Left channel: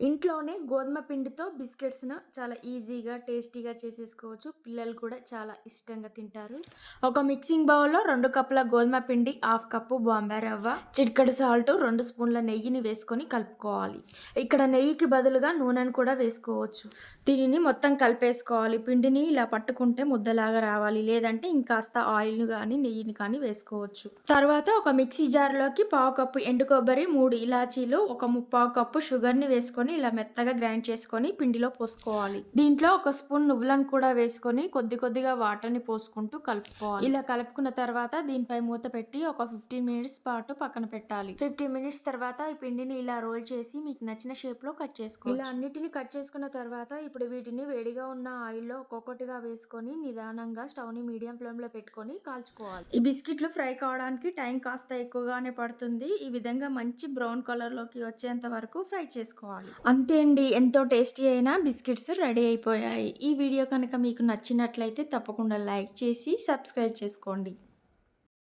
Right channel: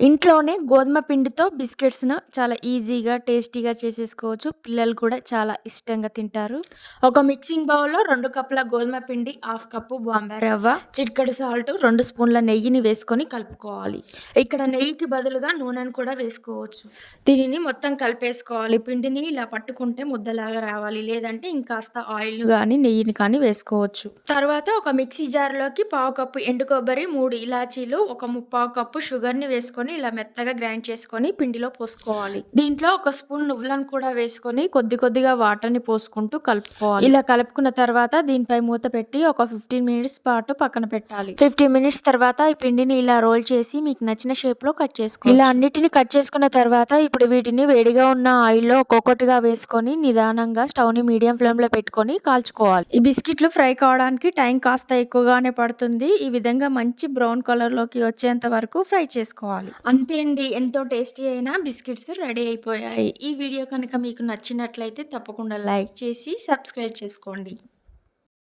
ఇంట్లోనే గోధుమ పిండితో బిస్కెట్స్‌ను చాలా ఈజీగా, టేస్టీగా చేసేసుకోవచ్చు. పిల్లలు కూడా చాలా ఇష్టంగా తింటారు. ఒక మిక్సింగ్ బౌల్‌లో 2 కప్పుల గోధుమ పిండి, హాఫ్ కప్పు బాంబే రవ్వ, చిటికెడు సాల్ట్, 2 స్పూన్ల నెయ్యిని వేసుకొని కలుపుకోవాలి. ఇక్కడ నెయ్యికి బదులుగా నూనెను కూడా వేసుకోవచ్చు. దీనిని మొత్తం కలిపేసుకోవాలి. పిండిని ఇలా పట్టుకుంటే ముద్దలాగా రావాలి. లేదంటే ఇంకాస్త ఆయిల్‌ని గానీ, నెయ్యిని కానీ వేసుకోవచ్చు. తర్వాత ఒక మిక్సీ జార్‌లోకి పావు కప్పు ఎండు కొబ్బరి, 3 ఇలాచీలు, ఒక ముప్పావు కప్పు షుగర్‌ని వేసుకొని ఇలా మెత్తగా గ్రైండ్ చేసుకొని పిండిలో పోసుకోవాలి. దీంట్లో ఒక స్పూన్ నువ్వులను కూడా వేసుకొని కొద్ది కొద్దిగా వాటర్‌ని పోసుకుంటూ కలుపుకోవాలి. ఇలా కలుపుకున్న తర్వాత దీనిపై మూత పెట్టి ఒక 15 మినిట్స్ పాటు పక్కన పెట్టాలి. 15 మినిట్స్ తర్వాత ఈ పిండిని ఇలా రోల్ చేసి మీకు నచ్చిన షేప్‌లో కట్ చేసుకోవచ్చు. ఇలా అన్నిటిని కట్ చేసుకున్న తర్వాత ఇప్పుడు వీటిని వేడిగా ఉన్న ఆయిల్‌లో ఒక్కొక్కటిగా వేసుకొని నిదానంగా స్టవ్‌ని మీడియం ఫ్లేమ్‌లో పెట్టుకొని కాల్చుకోవాలి. ఈ బిస్కిట్లు ఫ్రై కావడానికి టైం కాస్త ఎక్కువగానే పడుతుంది. ఈ విధంగా మంచి బ్రౌన్ కలర్‌లోకి వచ్చేంత వరకు ఫ్రై చేసుకోవాలి. అంతే అండి. ఎంతో టేస్టీ అయిన బిస్కిట్స్ రెడీ అయిపోయాయి. ఈ వీడియో కనుక మీకు నచ్చినట్లయితే తప్పకుండా లైక్ చేసి సబ్స్క్రైబ్ చేసుకోండి.